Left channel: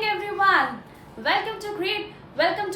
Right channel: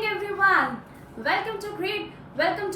Everyone, welcome to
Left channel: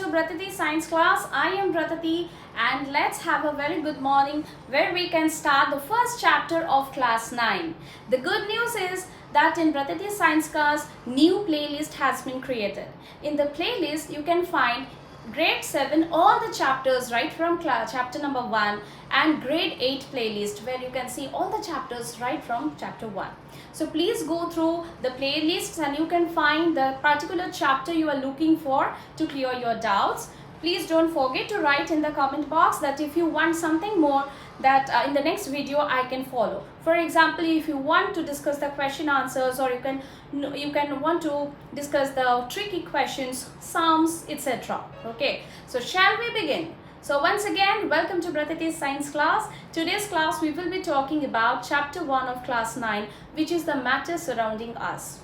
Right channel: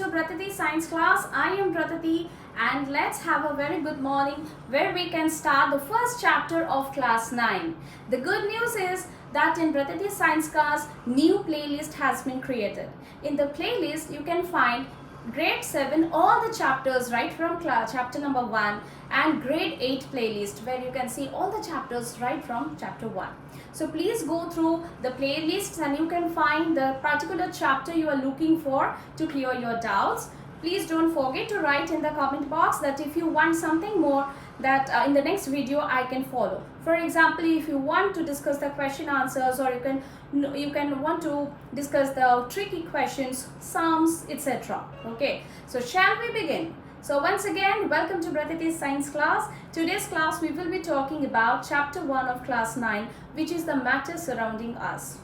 Bratati Science Class. I am Bratati and let's have a very good morning where we can start the first chapter of class 9. The good news is that in Bratati Science Class new playlist has been created. In the playlist you can find grade 7 all the chapters right from chapter number 1 and grade 8 playlist where you can see all the chapters right from chapter 1. So please go through the playlists and you can find the particular chapter you are looking for to clear your doubts. Please don't forget to write in the comment box that if you want something more that in the next video I can follow. For example, if you want to discuss the question answers, or you can want to discuss the tricky questions, sums, etc. Okay, so shall we begin? So once again, welcome to Bratati's Science Class. Today's class we will be talking about chapter 1 of class 9, which is the matter surrounding us.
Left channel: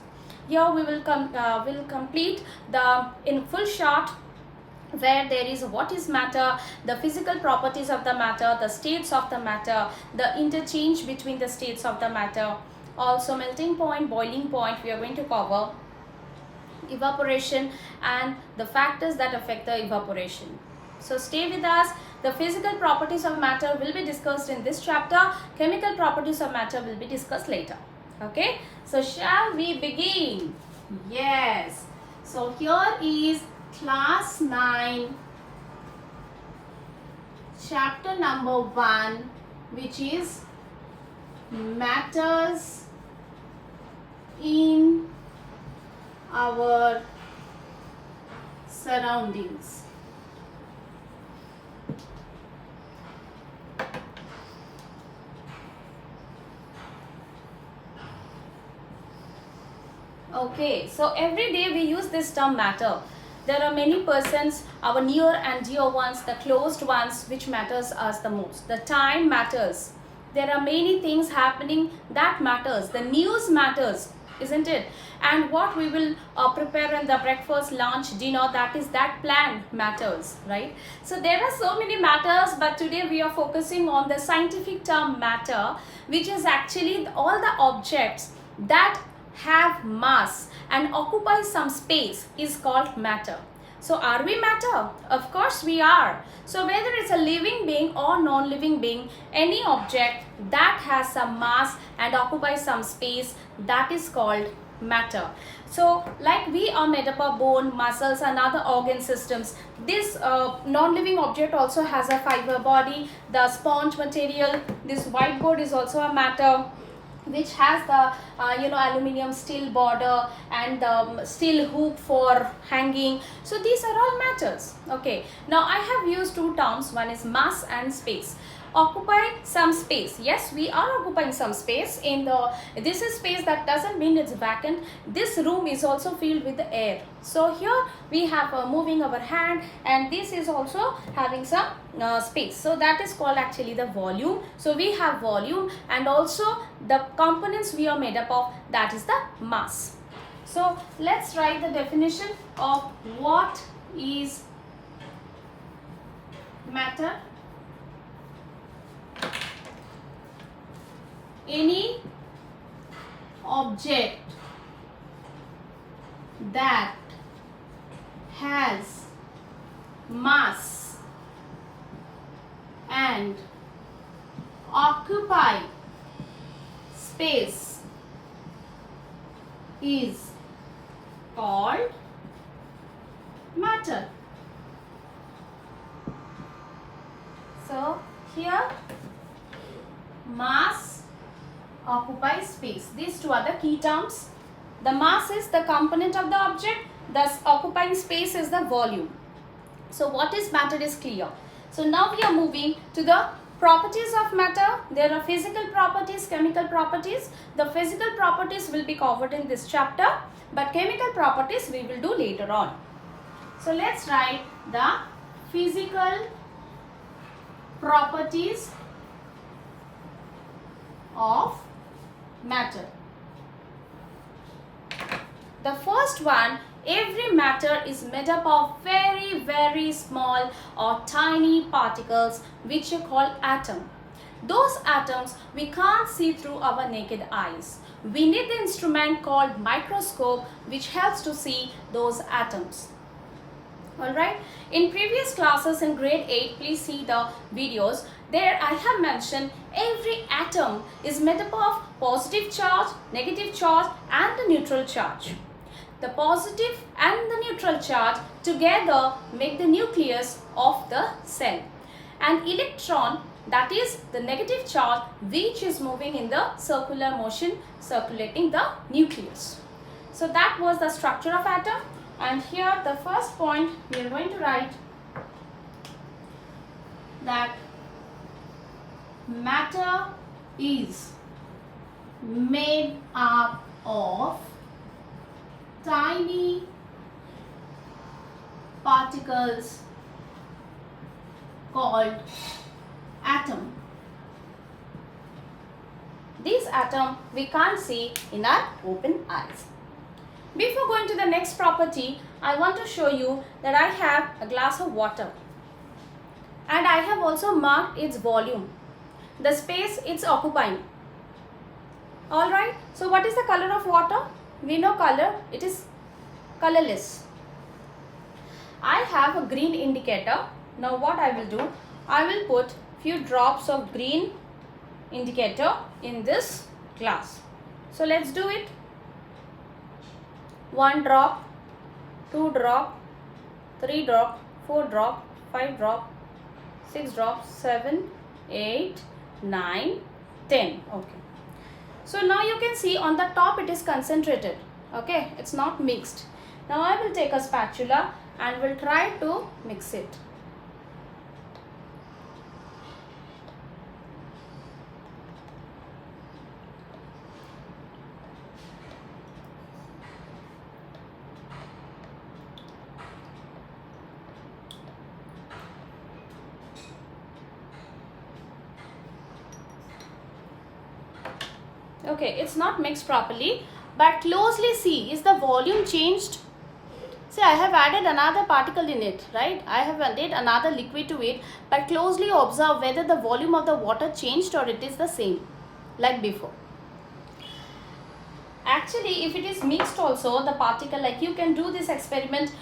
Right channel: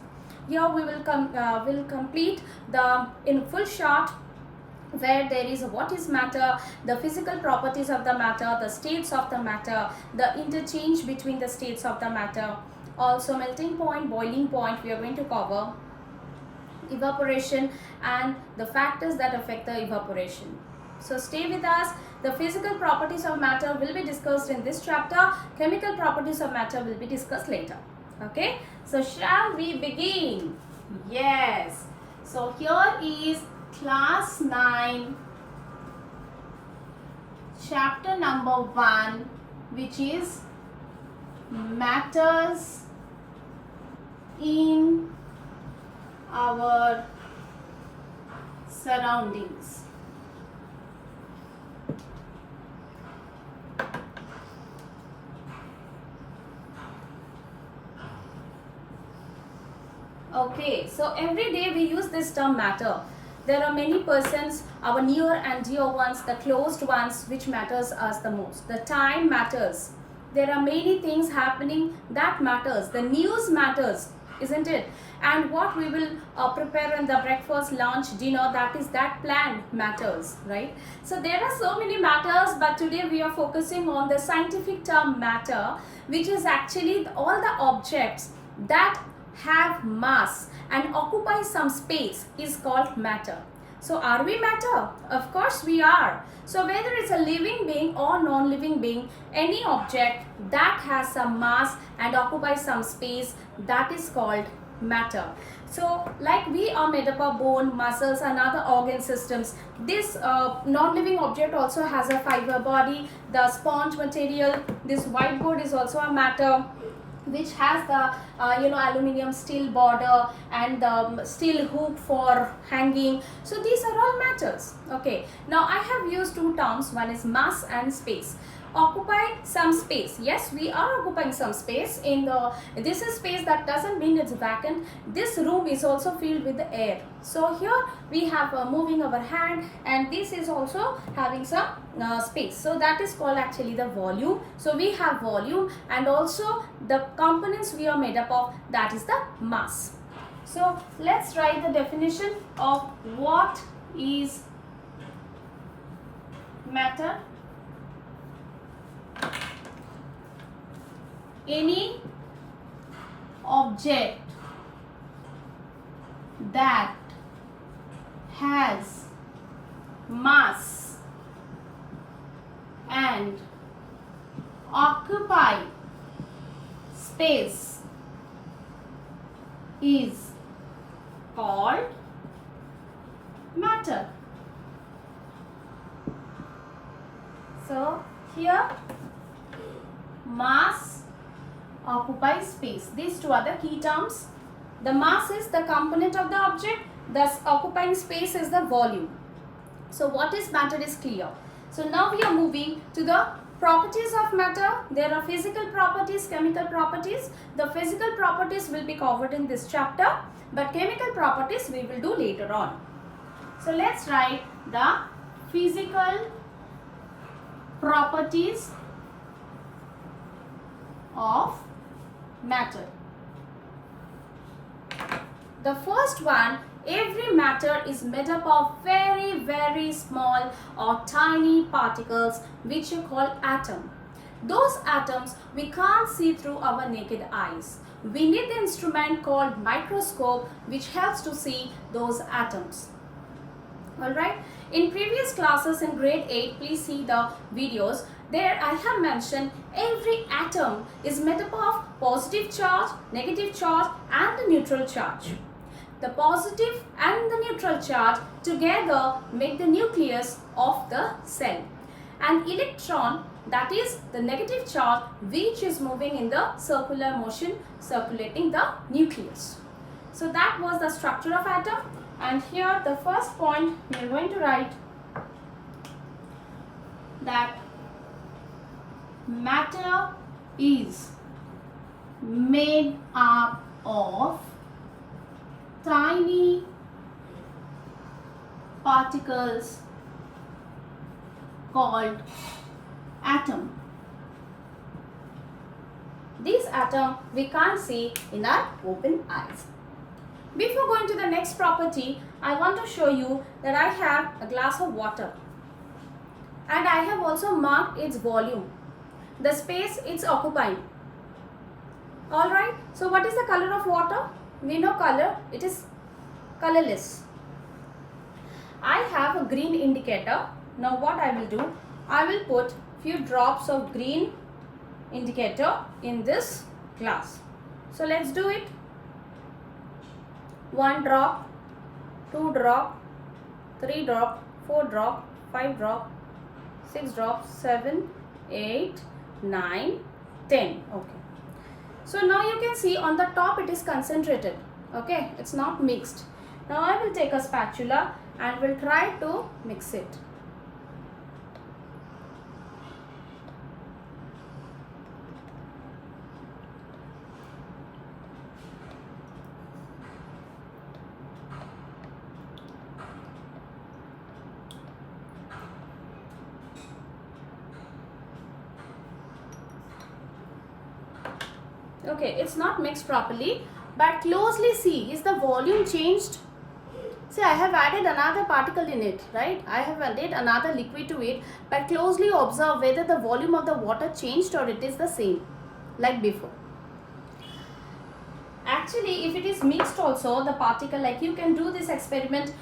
Here we will complete the in full short where there is what is matter, the physical properties of the matter, the states of the matter, the interchange between the states of the matter, also melting point, boiling point we are going to cover, evaporation and the factors that affect the evaporation. So stay with us. The physical properties of matter will be discussed in this chapter. Chemical properties of matter will be discussed later. Okay, so shall we begin? Yes. So here is class 9 chapter number 1, which is matters in our surroundings. Okay, so every day we use this term matter. There are many persons, our near and dear ones, the closed ones, which matters us the most. The time matters. There are many things happening that matters. The news matters, isn't it? And what we will prepare in the breakfast, lunch, dinner, that plan matters, right? So there are so many matters, but today we are focusing on the scientific term matter, which is actually all the objects that have mass and occupy some space is called matter. So are we matter? Of course we are. So whether it's a living being or non-living being, any object that has some mass and occupies some space, that is called matter. So like we are made up of bone, muscles and other organ systems, this non-living object also has a fiber body, the sponge material, this whiteboard is also a matter, which has the aluminium steel border and the steel hook for hanging. So these are all matters. Okay, now I have used two terms, one is mass and space. Occupy some space. Yes, we are occupying some space in the, this is space, that doesn't mean it's vacant. This room is also filled with the air. So here we have moving our hand, and this is also having some space. So that is called actually the volume. So we have volume, and also the components we are made up of, that is the mass. So let's write the definition of what is matter. Any object that has mass and occupy space is called matter. So here mass, occupy space, these two are the key terms. The mass is the component of the object, thus occupying space is the volume. So what is matter is clear. So now we are moving to the properties of matter. There are physical properties, chemical properties. The physical properties will be covered in this chapter, but chemical properties we will do later on. So let's write the physical properties of matter. The first one, every matter is made up of very small or tiny particles which you call atom. Those atoms we can't see through our naked eyes. We need the instrument called microscope which helps to see those atoms. Alright, in previous classes in grade 8, please see the videos. There I have mentioned every atom is made up of positive charge, negative charge and the neutral charge. The positive and the neutral charge together make the nucleus of the cell. An electron, that is the negative charge, which is moving in the circular motion circulating the nucleus. So that was the structure of atom. And here the first point we are going to write that matter is made up of tiny particles called atom. These atoms we can't see in our open eyes. Before going to the next property, I want to show you that I have a glass of water and I have also marked its volume, the space it's occupying. Alright, so what is the color of water? We know color, it is colorless. I have a green indicator. Now what I will do, I will put few drops of green indicator in this glass. So let's do it. 1 drop, 2 drop, 3 drop, 4 drop, 5 drop, 6 drops, 7, 8, 9, 10. Okay. So now you can see on the top it is concentrated. Okay, it's not mixed. Now I will take a spatula and will try to mix it. Okay, it's not mixed properly, but closely see, is the volume changed? See, I have added another particle in it, right? I have added another liquid to it, but closely observe whether the volume of the water changed or it is the same, like before. Actually, if it is mixed also, the particle, like you can do this experiment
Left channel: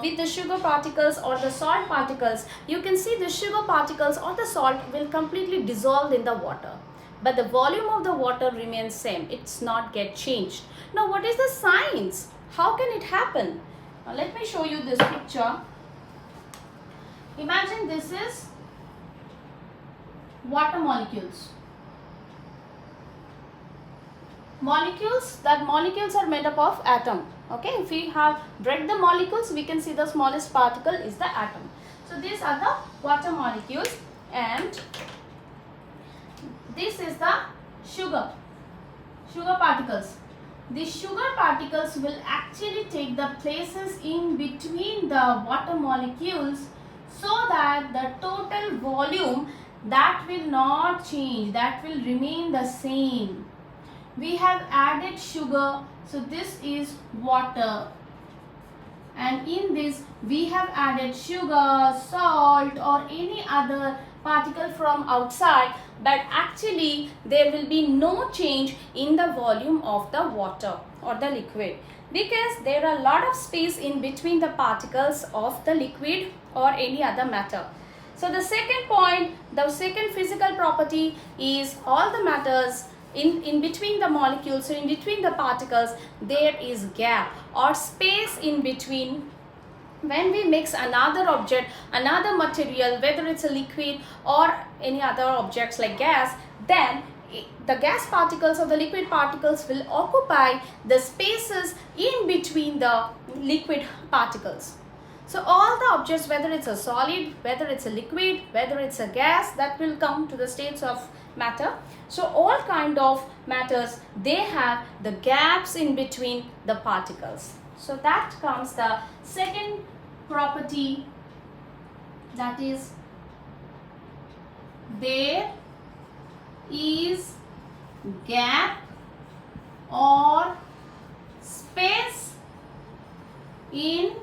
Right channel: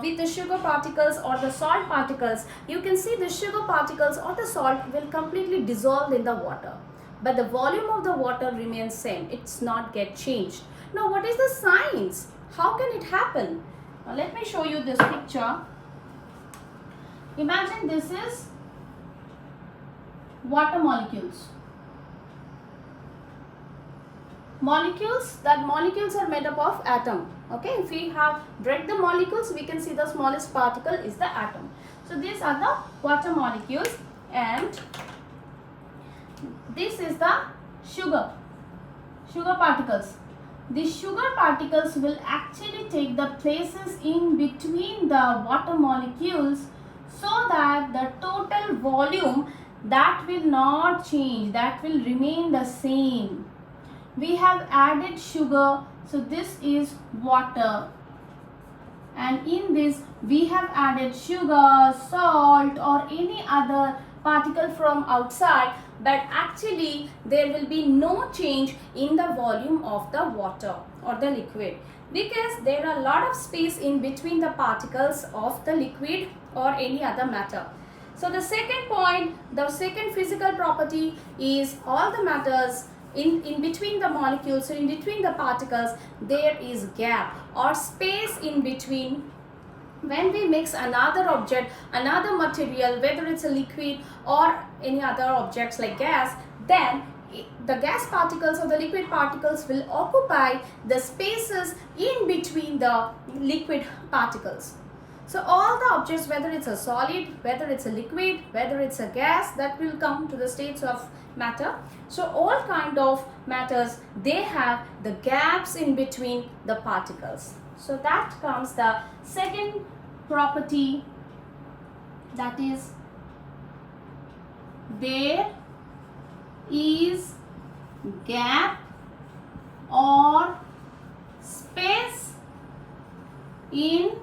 with the sugar particles or the salt particles, you can see the sugar particles or the salt will completely dissolve in the water. But the volume of the water remains same. It's not get changed. Now, what is the science? How can it happen? Now, let me show you this picture. Imagine this is water molecules. That molecules are made up of atom. Okay, if we have break the molecules, we can see the smallest particle is the atom. So these are the water molecules and this is the sugar particles. These sugar particles will actually take the places in between the water molecules so that the total volume that will not change, that will remain the same. We have added sugar, so this is water, and in this we have added sugar, salt or any other particle from outside, but actually there will be no change in the volume of the water or the liquid because there are a lot of space in between the particles of the liquid or any other matter. So the second point, the second physical property is all the matters in between the molecules, so in between the particles there is gap or space in between. When we mix another object, another material, whether it's a liquid or any other objects like gas, then the gas particles or the liquid particles will occupy the spaces in between the liquid particles. So all the objects, whether it's a solid, whether it's a liquid, whether it's a gas, that will come to the states of matter. So all kind of matters, they have the gaps in between the particles. So that comes the second property, that is there is gap or space in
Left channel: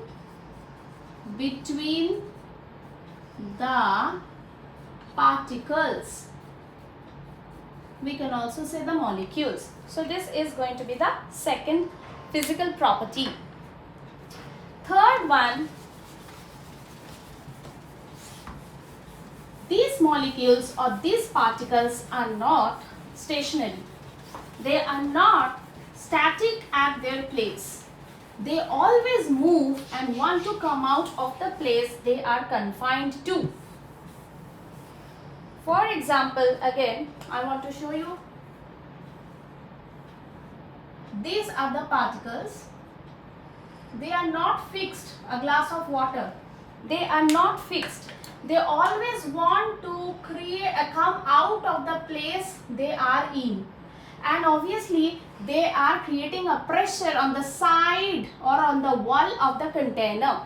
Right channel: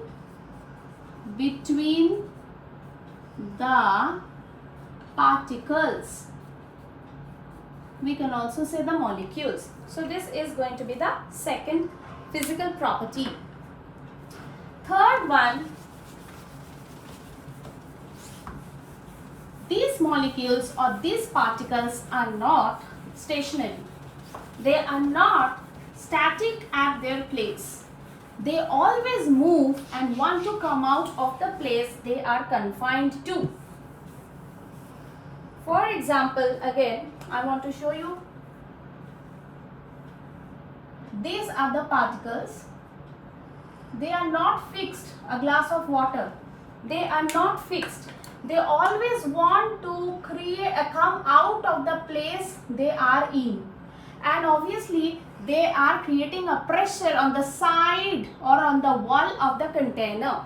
between the particles. we can also say the molecules. So this is going to be the second physical property. Third one, these molecules or these particles are not stationary. They are not static at their place. They always move and want to come out of the place they are confined to. For example, again, I want to show you. These are the particles. They are not fixed. A glass of water. They are not fixed. They always want to come out of the place they are in. And obviously, they are creating a pressure on the side or on the wall of the container.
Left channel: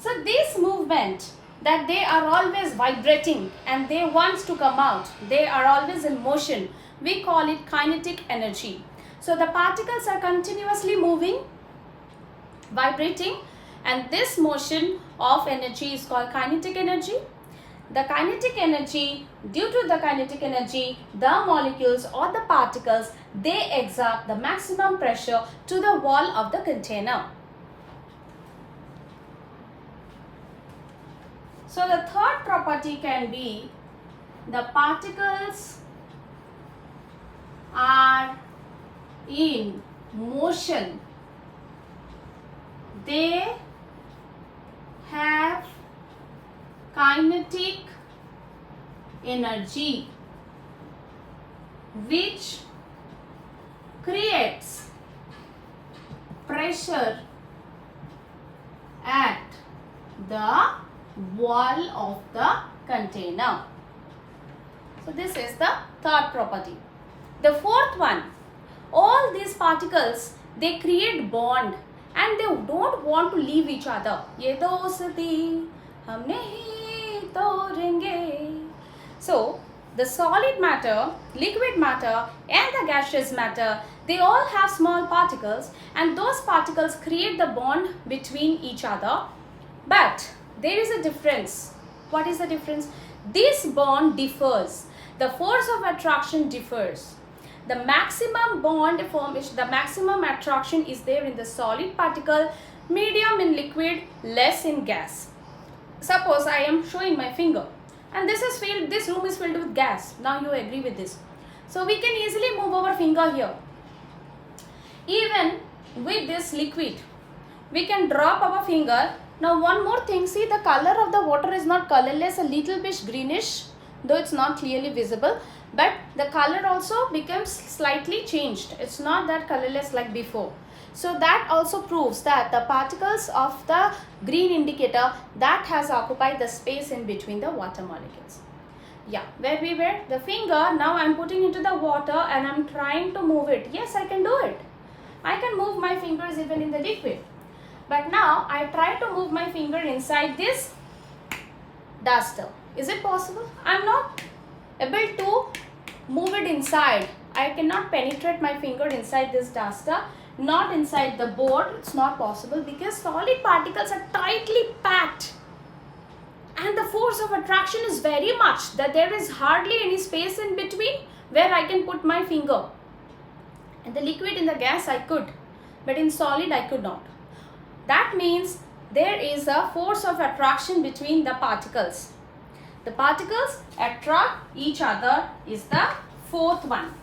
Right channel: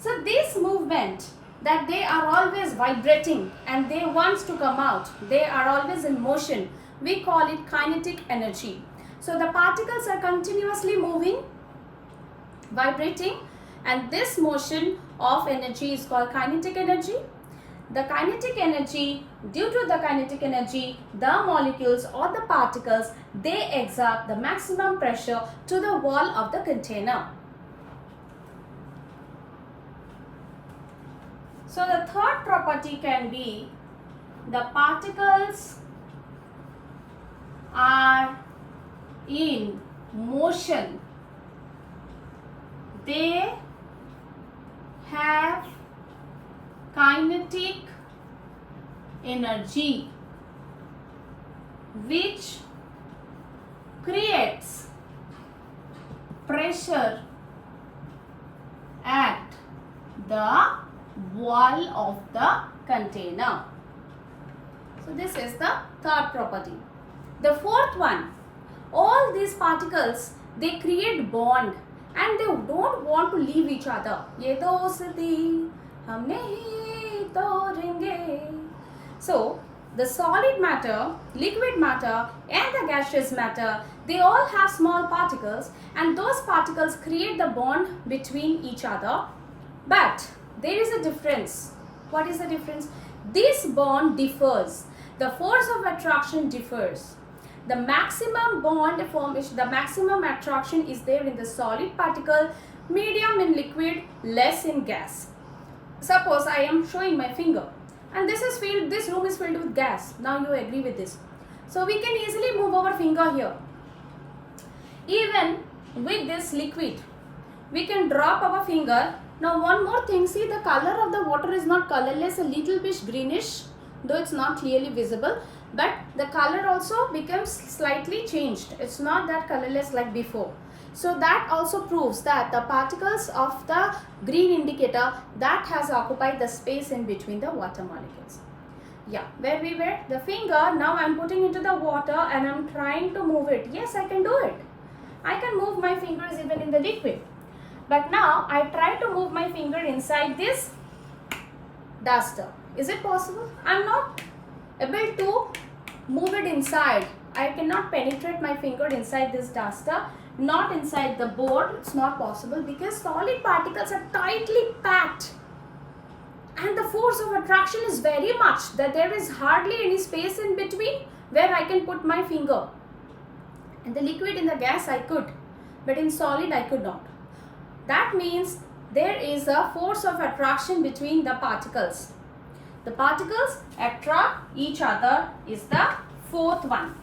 So this movement that they are always vibrating and they want to come out, they are always in motion, we call it kinetic energy. So the particles are continuously moving, vibrating, and this motion of energy is called kinetic energy. The kinetic energy, due to the kinetic energy, the molecules or the particles, they exert the maximum pressure to the wall of the container. So the third property can be the particles are in motion. They have kinetic energy which creates pressure at the wall of the container. So this is the third property. The fourth one, all these particles, they create bond and they don't want to leave each other. Ye dosti hum nahi todenge. So the solid matter, liquid matter and the gaseous matter, they all have small particles and those particles create the bond between each other. But there is a difference. What is the difference? This bond differs. The force of attraction differs. The maximum bond formation, the maximum attraction is there in the solid particle, medium in liquid, less in gas. Suppose I am showing my finger and this room is filled with gas. Now you agree with this. So we can easily move our finger here. Even with this liquid, we can drop our finger. Now one more thing, see the color of the water is not colorless, a little bit greenish, though it's not clearly visible, but the color also becomes slightly changed. It's not that colorless like before. So that also proves that the particles of the green indicator, that has occupied the space in between the water molecules. Yeah, where we were, the finger, now I'm putting into the water and I'm trying to move it. Yes, I can do it. I can move my fingers even in the liquid. But now I try to move my finger inside this duster. Is it possible? I'm not able to move it inside. I cannot penetrate my finger inside this duster, not inside the board. It's not possible because solid particles are tightly packed and the force of attraction is very much that there is hardly any space in between where I can put my finger. And the liquid in the gas I could, but in solid I could not. That means there is a force of attraction between the particles. The particles attract each other is the fourth one.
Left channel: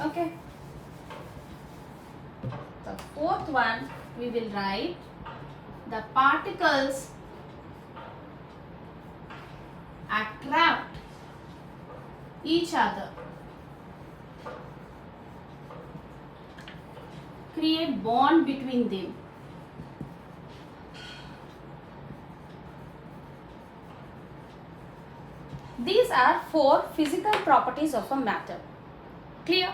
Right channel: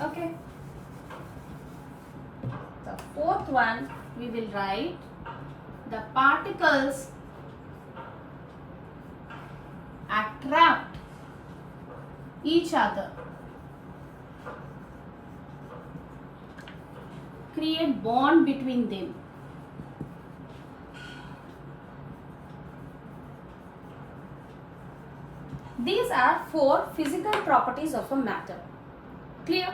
Okay. The fourth one we will write the particles attract each other, create bond between them. These are 4 physical properties of a matter. Clear?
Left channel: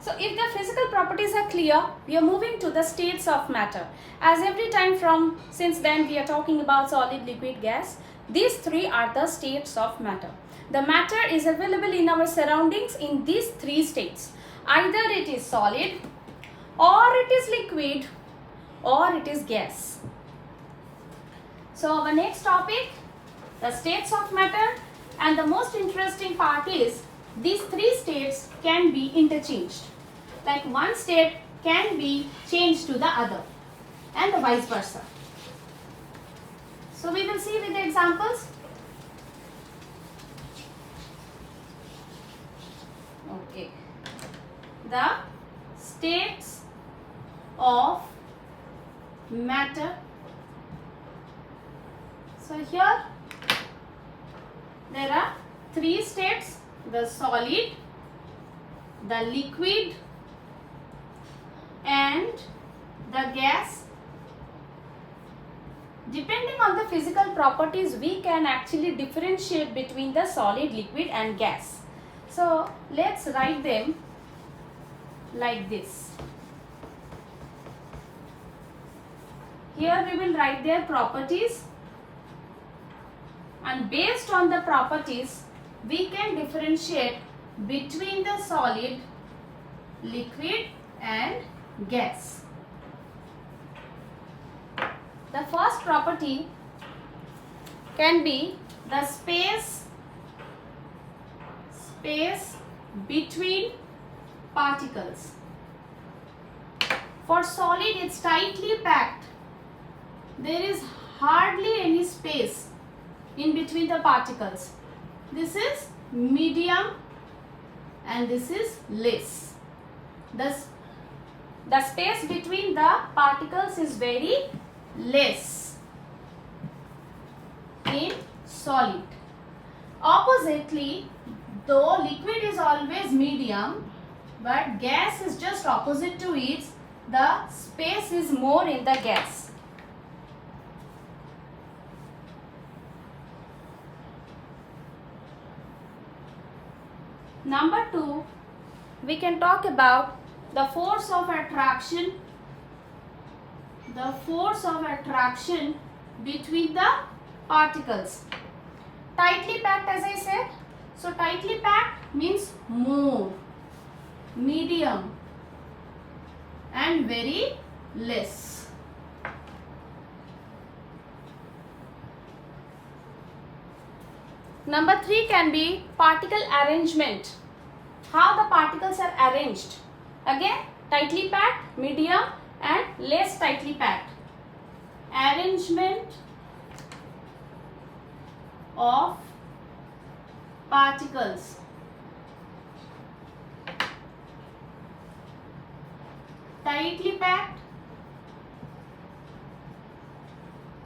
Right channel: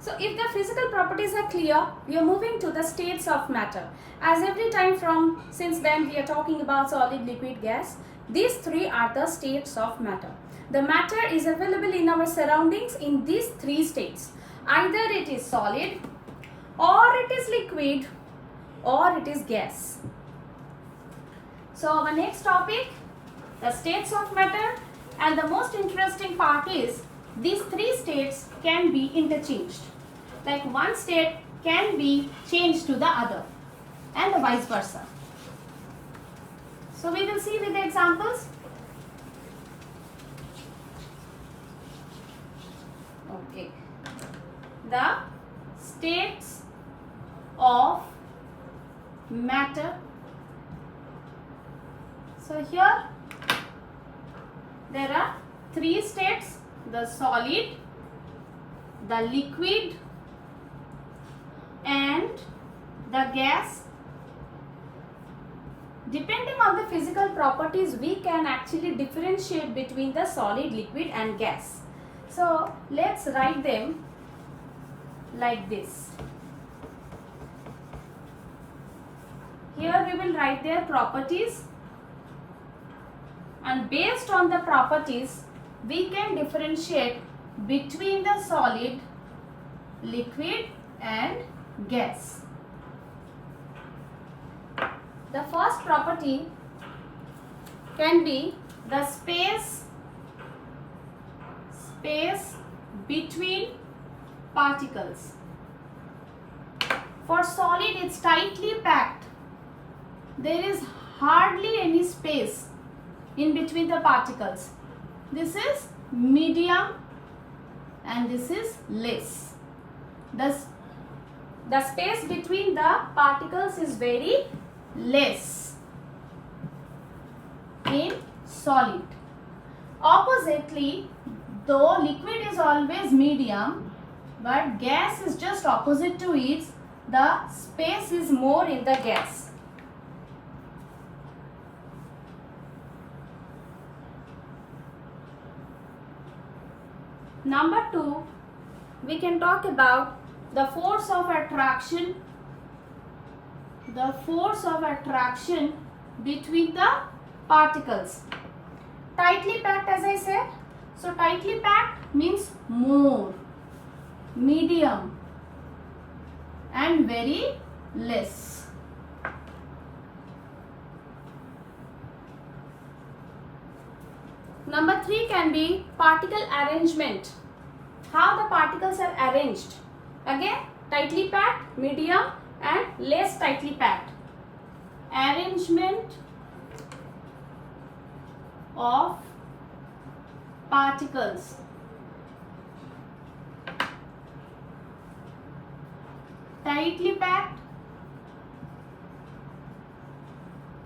So if the physical properties are clear, we are moving to the states of matter. As every time since then we are talking about solid, liquid, gas. These 3 are the states of matter. The matter is available in our surroundings in these 3 states. Either it is solid, or it is liquid, or it is gas. So our next topic, the states of matter, and the most interesting part is these three states can be interchanged. Like one state can be changed to the other and the vice versa. So we will see with the examples. Okay. The states of matter. So here there are three states: the solid, the liquid, and the gas. Depending on the physical properties, we can actually differentiate between the solid, liquid, and gas. So let's write them like this. Here we will write their properties, and based on the properties we can differentiate between the solid, liquid, and gas. The first property can be the space between particles. For solid, it's tightly packed. There is hardly any space in between the particles. This is medium and this is less. The space between the particles is very less in solid. Oppositely, though liquid is always medium, but gas is just opposite to it, the space is more in the gas. Number 2, we can talk about the force of attraction. The force of attraction between the particles. Tightly packed, as I said. So tightly packed means more, medium, and very less. Number 3 can be particle arrangement. How the particles are arranged. Again, tightly packed, medium, and less tightly packed. Arrangement of particles. Tightly packed,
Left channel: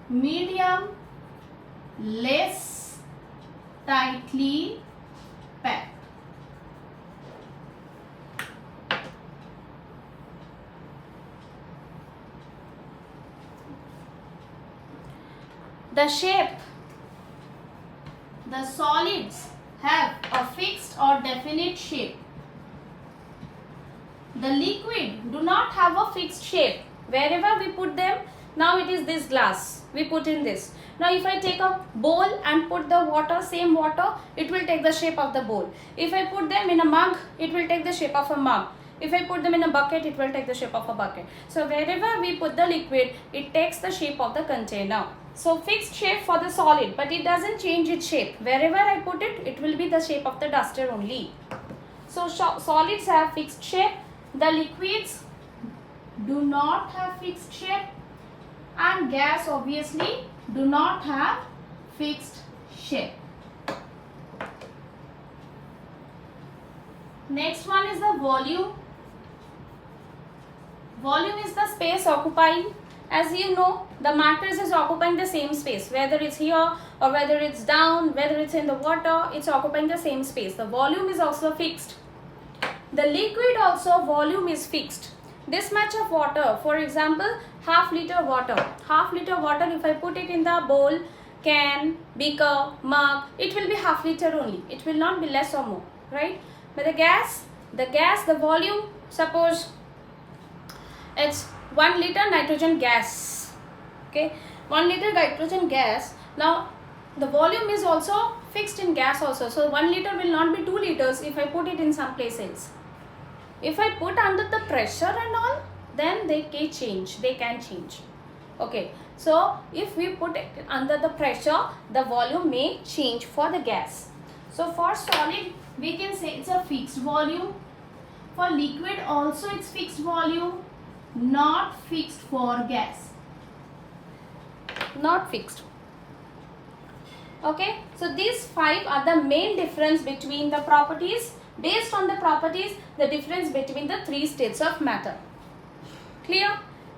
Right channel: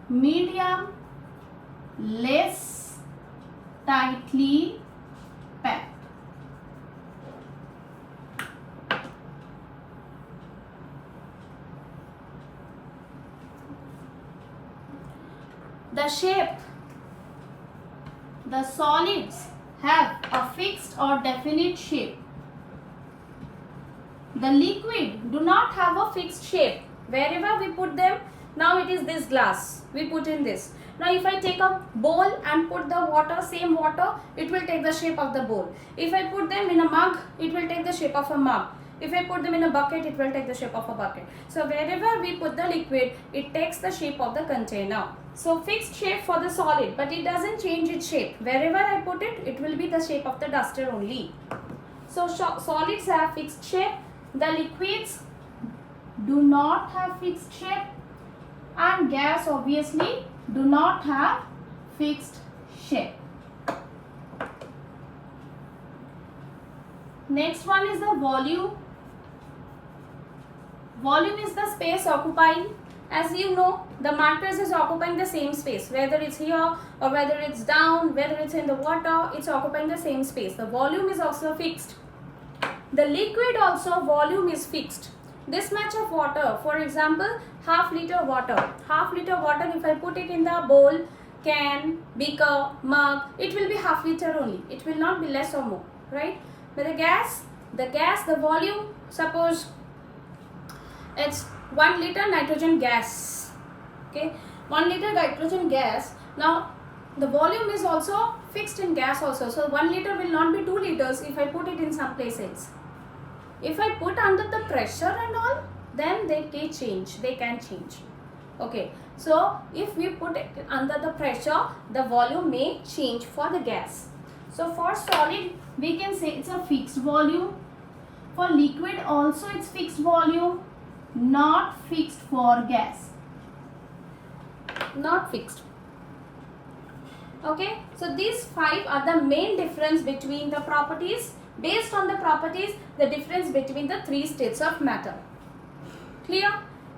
medium, less tightly packed. The shape. The solids have a fixed or definite shape. The liquid do not have a fixed shape. Wherever we put them, now it is this glass. We put in this. Now if I take a bowl and put the water, same water, it will take the shape of the bowl. If I put them in a mug, it will take the shape of a mug. If I put them in a bucket, it will take the shape of a bucket. So wherever we put the liquid, it takes the shape of the container. So fixed shape for the solid, but it doesn't change its shape. Wherever I put it, it will be the shape of the duster only. So solids have fixed shape. The liquids do not have fixed shape, and gas obviously do not have fixed shape. Next one is the volume. Volume is the space occupying. As you know, the mattress is occupying the same space. Whether it's here or whether it's down, whether it's in the water, it's occupying the same space. The volume is also fixed. The liquid also volume is fixed. This much of water, for example, half liter water. Half liter water, if I put it in the bowl, can, beaker, mug, it will be half liter only. It will not be less or more, right? But the volume, suppose it's 1 liter nitrogen gas. Okay, 1 liter nitrogen gas. Now the volume is also fixed in gas also. So 1 liter will not be 2 liters if I put it in some place else. If I put under the pressure and all, then they can change. Okay, so if we put it under the pressure, the volume may change for the gas. So for solid we can say it's a fixed volume. For liquid also it's fixed volume, not fixed for gas. Not fixed. Okay, so these 5 are the main difference between the properties. Based on the properties, the difference between the 3 states of matter. Clear?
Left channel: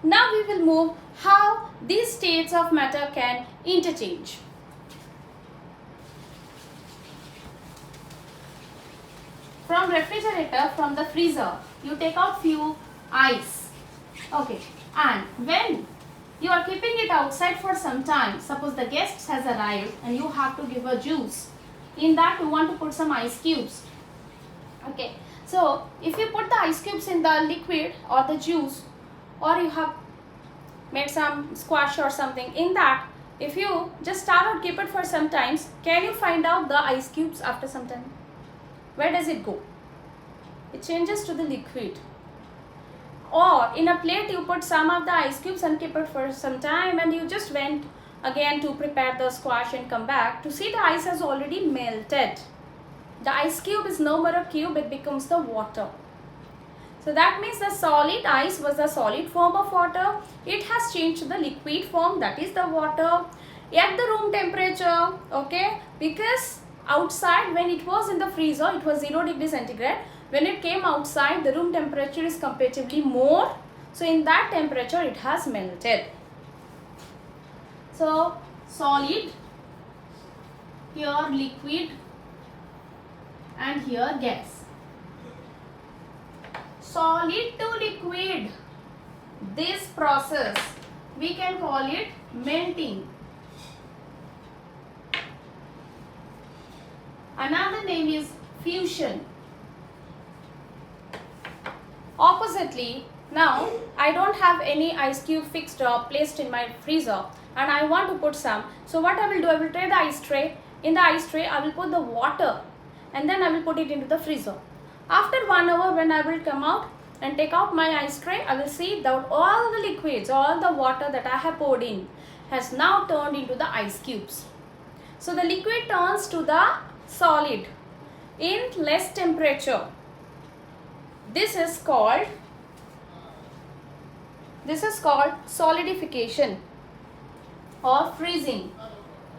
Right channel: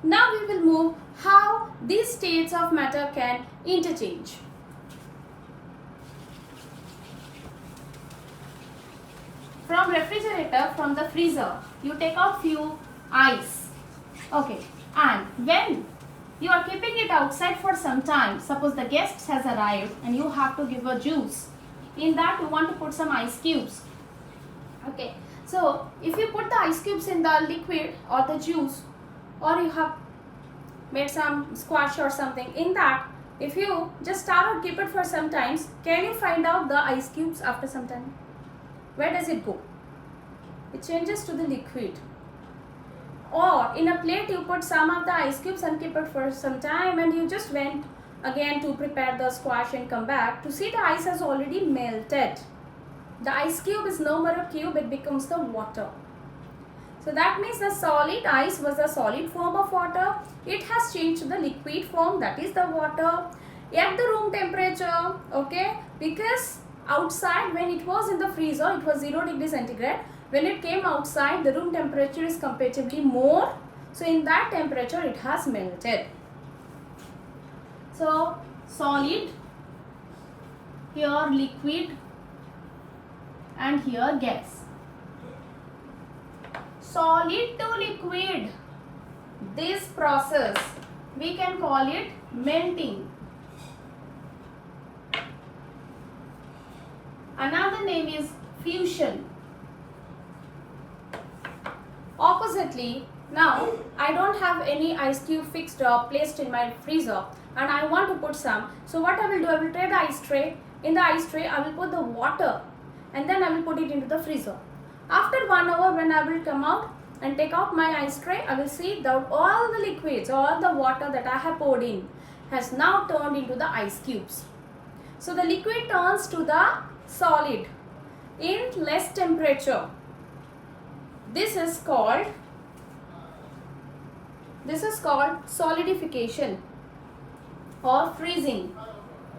Now we will move how these states of matter can interchange. From refrigerator, from the freezer, you take out few ice. Okay, and when you are keeping it outside for some time, suppose the guest has arrived and you have to give a juice. In that you want to put some ice cubes. Okay, so if you put the ice cubes in the liquid or the juice, or you have made some squash or something, in that if you just start or keep it for some times, can you find out the ice cubes after some time? Where does it go? It changes to the liquid. Or in a plate you put some of the ice cubes and keep it for some time, and you just went again to prepare the squash and come back to see the ice has already melted. The ice cube is no more a cube, it becomes the water. So that means the solid ice was the solid form of water. It has changed to the liquid form, that is the water, at the room temperature. Okay, because outside when it was in the freezer it was 0 degrees centigrade. When it came outside, the room temperature is comparatively more. So in that temperature it has melted. So solid, here liquid, and here gas. Solid to liquid, this process we can call it melting. Another name is fusion. Oppositely, now I don't have any ice cube fixed or placed in my freezer and I want to put some. So what I will do, I will take the ice tray. In the ice tray I will put the water and then I will put it into the freezer. After 1 hour when I will come out and take out my ice tray, I will see that all the liquids, all the water that I have poured in has now turned into the ice cubes. So the liquid turns to the solid in less temperature. This is called solidification or freezing.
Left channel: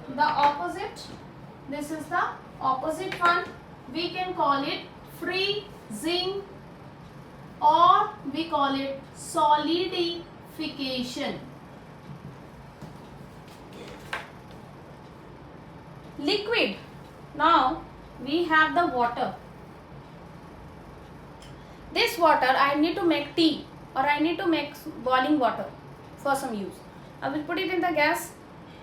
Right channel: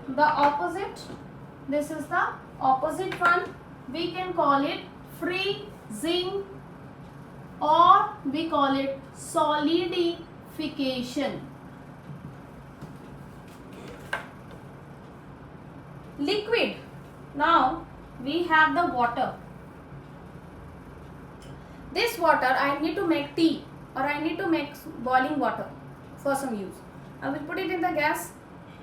The opposite, this is the opposite one. We can call it freezing or we call it solidification. Liquid. Now we have the water. This water I need to make tea or I need to make boiling water for some use. I will put it in the gas,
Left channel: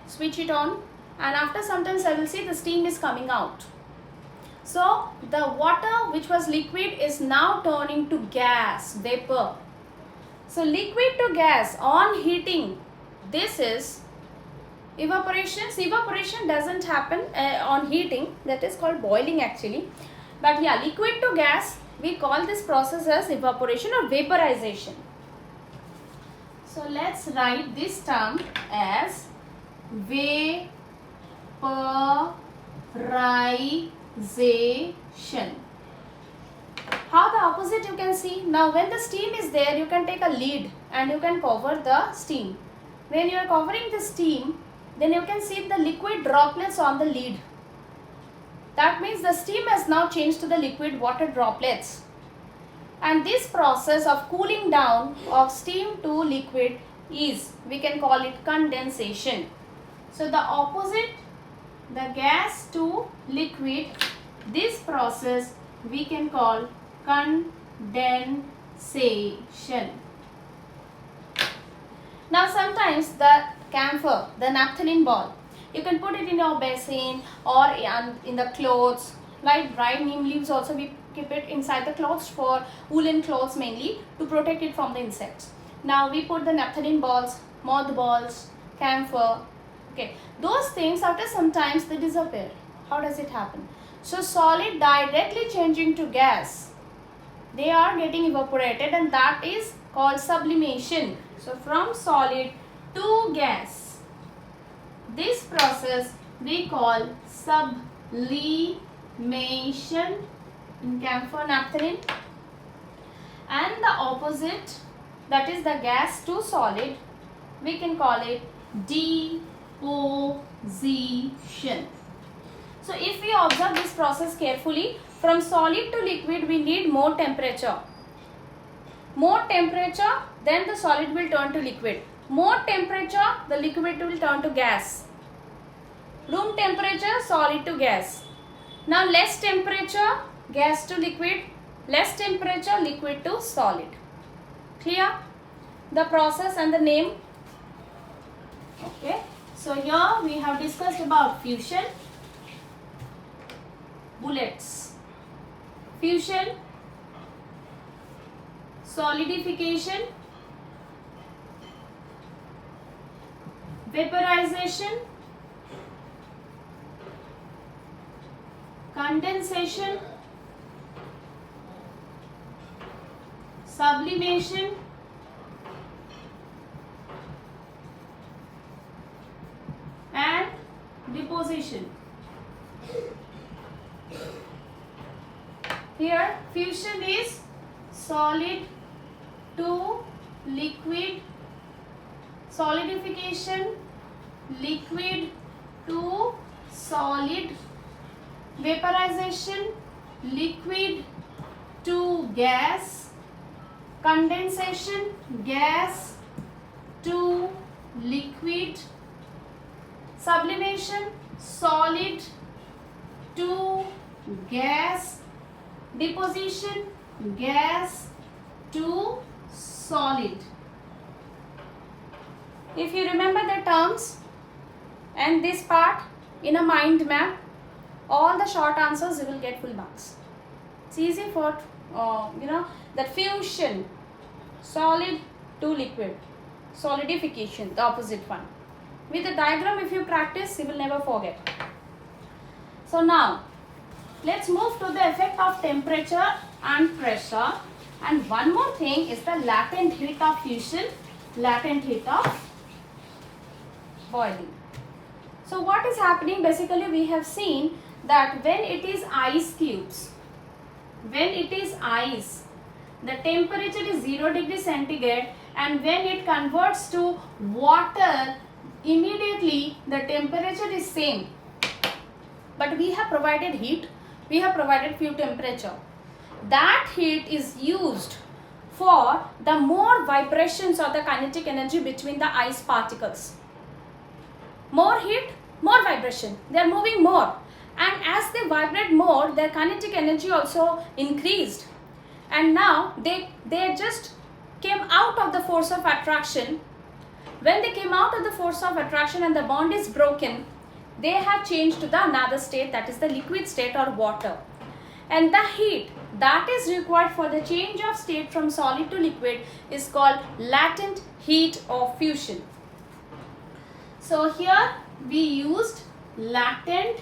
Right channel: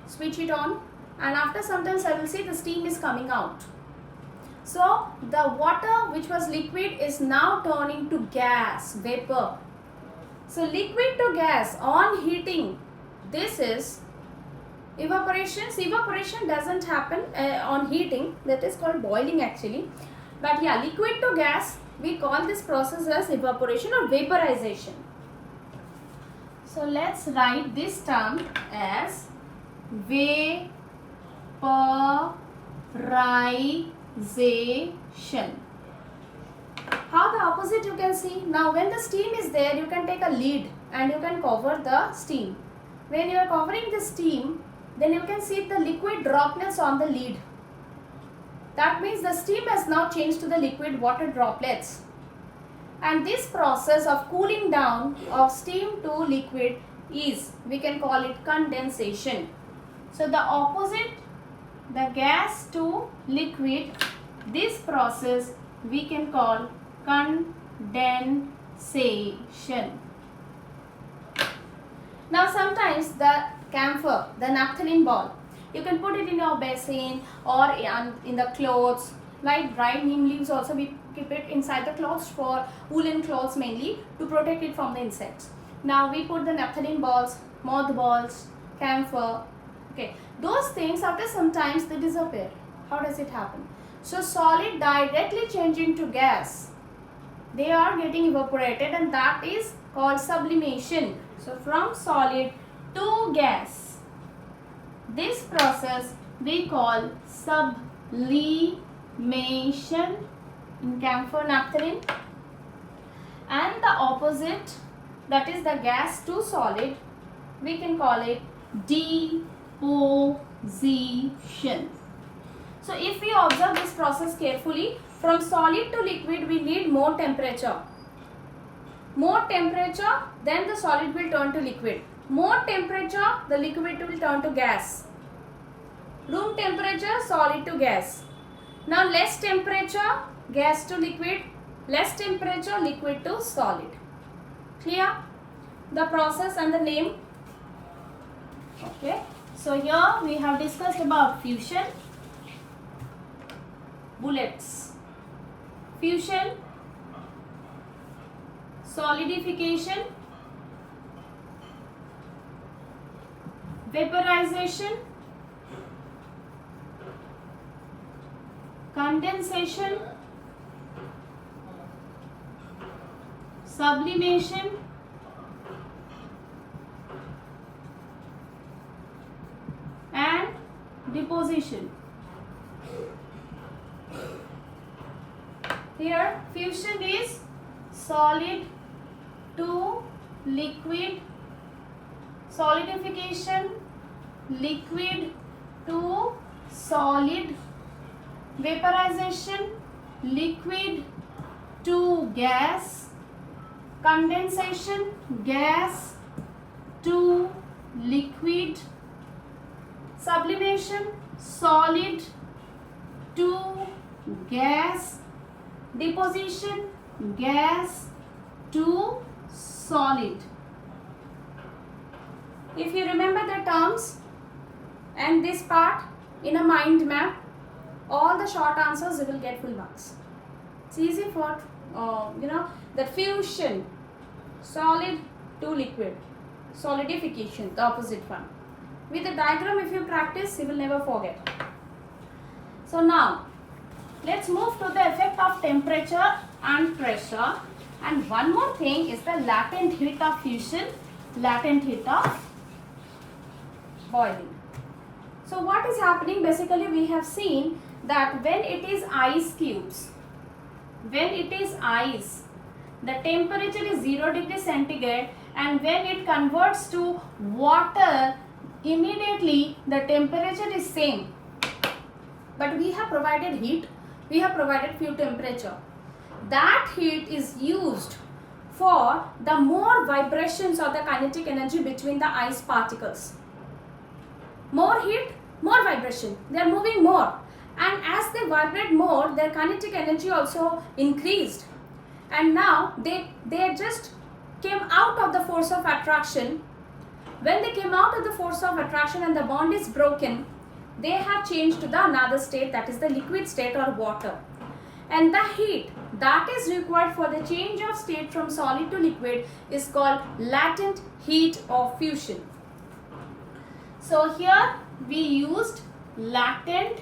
switch it on, and after sometimes I will see the steam is coming out. So the water which was liquid is now turning to gas, vapor. So liquid to gas on heating, this is evaporation. Evaporation doesn't happen on heating, that is called boiling actually. But yeah, liquid to gas, we call this process as evaporation or vaporization. So let's write this term as vaporization. How the opposite you can see. Now when the steam is there, you can take a lid and you can cover the steam. When you are covering the steam, then you can see the liquid droplets on the lid. That means the steam has now changed to the liquid water droplets. And this process of cooling down of steam to liquid is, we can call it condensation. So the opposite, the gas to liquid, this process we can call condensation. Now sometimes the camphor, the naphthalene ball, you can put it in your basin or in the clothes. Like dried neem leaves also we keep it inside the clothes for woolen clothes mainly to protect it from the insects. Now we put the naphthalene balls, moth balls, camphor. Okay, those things after some times they disappear. How does it happen? So solid directly changing to gas, they are getting evaporated, and that is called sublimation. So from solid to gas, this process we call sublimation in camphor naphthalene, and the opposite, that is the gas to solid, we can call it deposition. So if we observe this process carefully, from solid to liquid we need more temperature. More temperature, then the solid will turn to liquid. More temperature, the liquid will turn to gas. Room temperature, solid to gas. Now less temperature, gas to liquid. Less temperature, liquid to solid. Clear? The process and the name. Okay. So here we have discussed about fusion. Bullets. Fusion, solidification, vaporization, condensation, sublimation, and deposition. Here fusion is solid to liquid, solidification liquid to solid, vaporization liquid to gas, condensation gas to liquid, sublimation solid to gas, deposition gas to solid. If you remember the terms and this part in a mind map, all the short answers you will get full marks. It's easy for that fusion, solid to liquid, solidification, the opposite one. With the diagram, if you practice, you will never forget. So now let's move to the effect of temperature and pressure. And one more thing is the latent heat of fusion, latent heat of boiling. So what is happening? Basically we have seen that when it is ice cubes, when it is ice, the temperature is 0 degree centigrade, and when it converts to water, immediately the temperature is same. But we have provided heat, we have provided few temperature. That heat is used for the more vibrations or the kinetic energy between the ice particles. More heat, more vibration. They are moving more. And as they vibrate more, their kinetic energy also increased. And now they just came out of the force of attraction. When they came out of the force of attraction and the bond is broken, they have changed to the another state, that is the liquid state or water. And the heat that is required for the change of state from solid to liquid is called latent heat of fusion. So here we used latent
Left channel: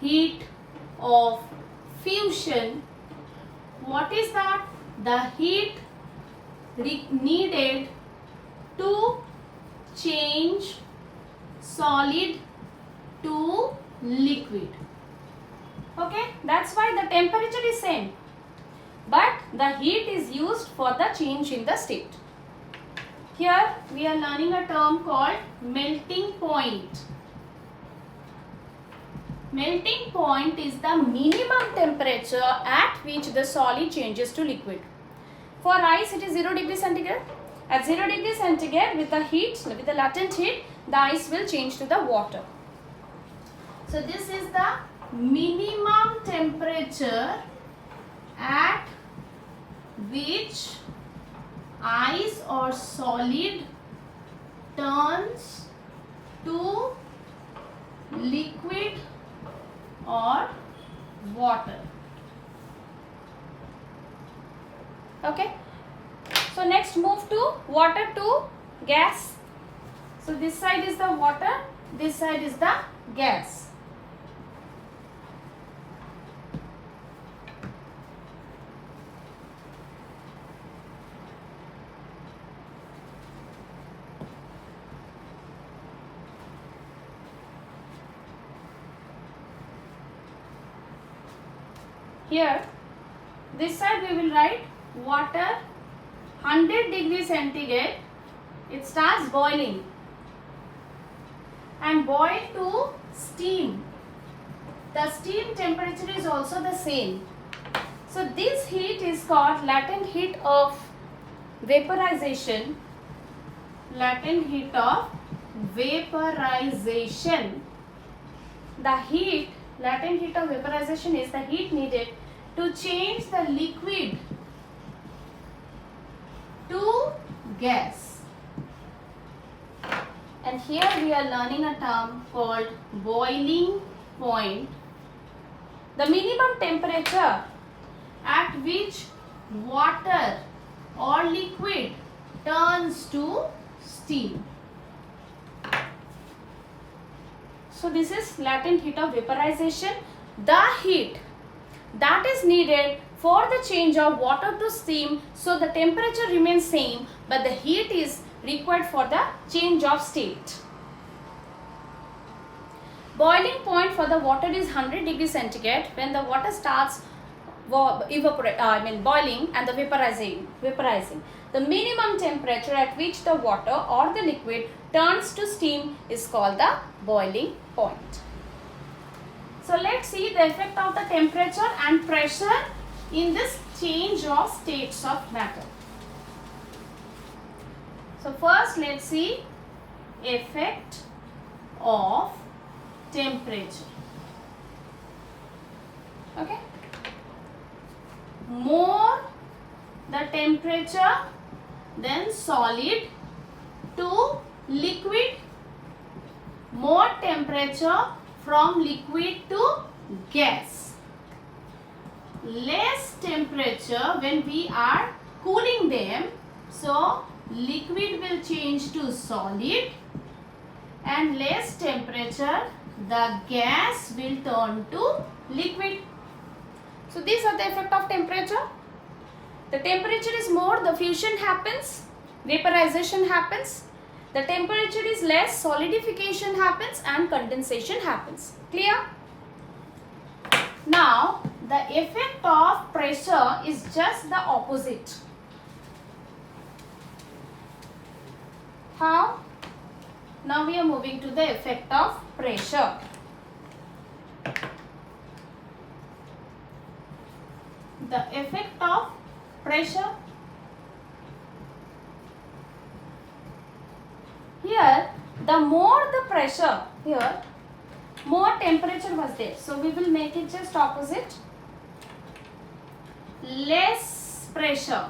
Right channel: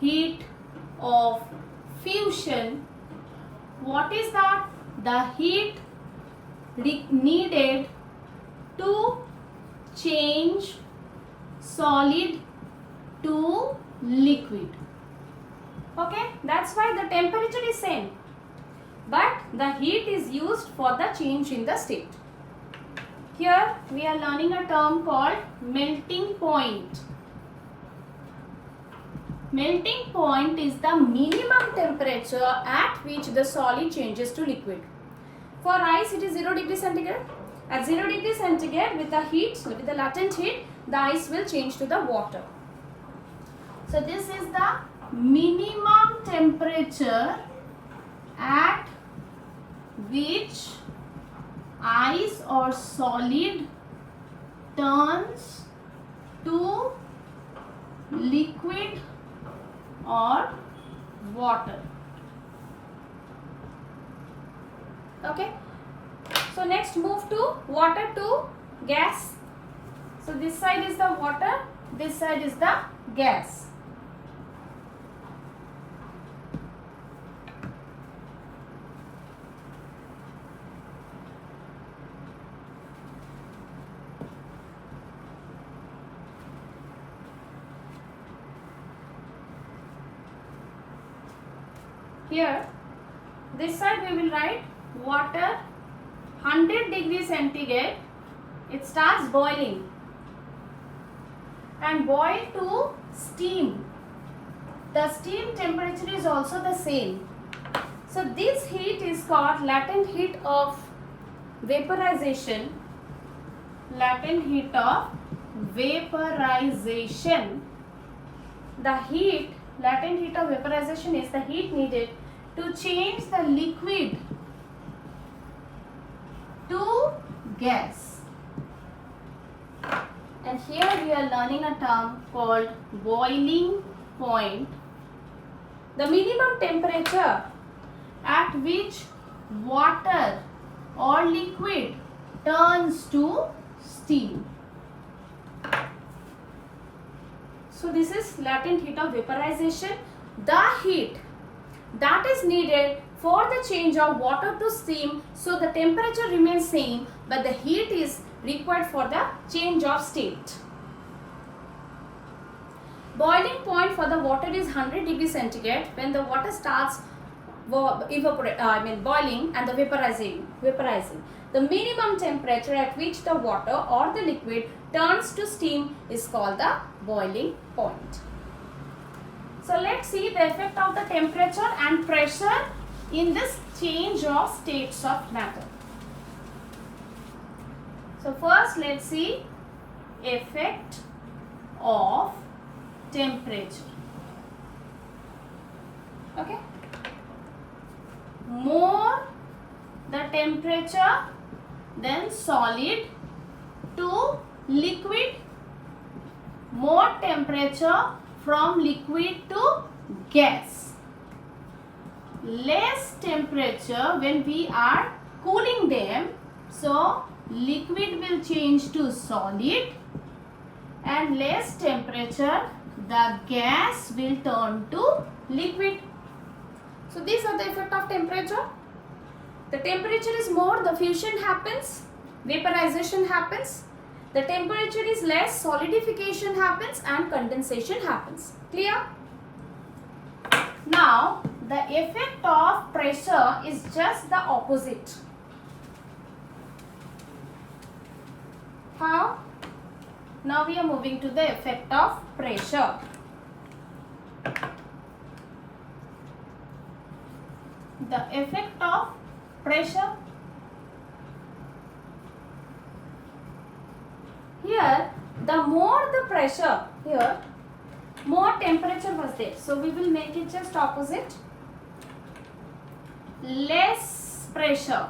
heat of fusion. What is that? The heat needed to change solid to liquid. Okay, that's why the temperature is same, but the heat is used for the change in the state. Here we are learning a term called melting point. Melting point is the minimum temperature at which the solid changes to liquid. For ice it is 0 degree centigrade. At 0 degree centigrade, with the heat, with the latent heat, the ice will change to the water. So this is the minimum temperature at which ice or solid turns to liquid or water. Okay. So next move to water to gas. So this side is the water, this side is the gas. Here, this side we will write water 100 degrees centigrade. It starts boiling and boil to steam. The steam temperature is also the same. So this heat is called latent heat of vaporization. Latent heat of vaporization. The heat, latent heat of vaporization is the heat needed to change the liquid to gas. And here we are learning a term called boiling point. The minimum temperature at which water or liquid turns to steam. So this is latent heat of vaporization. The heat that is needed for the change of water to steam, so the temperature remains same but the heat is required for the change of state. Boiling point for the water is 100 degrees centigrade when the water starts boiling and the vaporizing. The minimum temperature at which the water or the liquid turns to steam is called the boiling point. So let's see the effect of the temperature and pressure in this change of states of matter. So first let's see effect of temperature. Okay. More the temperature, then solid to liquid. More temperature from liquid to gas. Less temperature when we are cooling them, so liquid will change to solid, and less temperature the gas will turn to liquid. So these are the effect of temperature. The temperature is more, the fusion happens, vaporization happens. The temperature is less, solidification happens and condensation happens. Clear? Now the effect of pressure is just the opposite. How? Now we are moving to the effect of pressure. The effect of pressure. Here, the more the pressure, here, more temperature was there. So we will make it just opposite. Less pressure.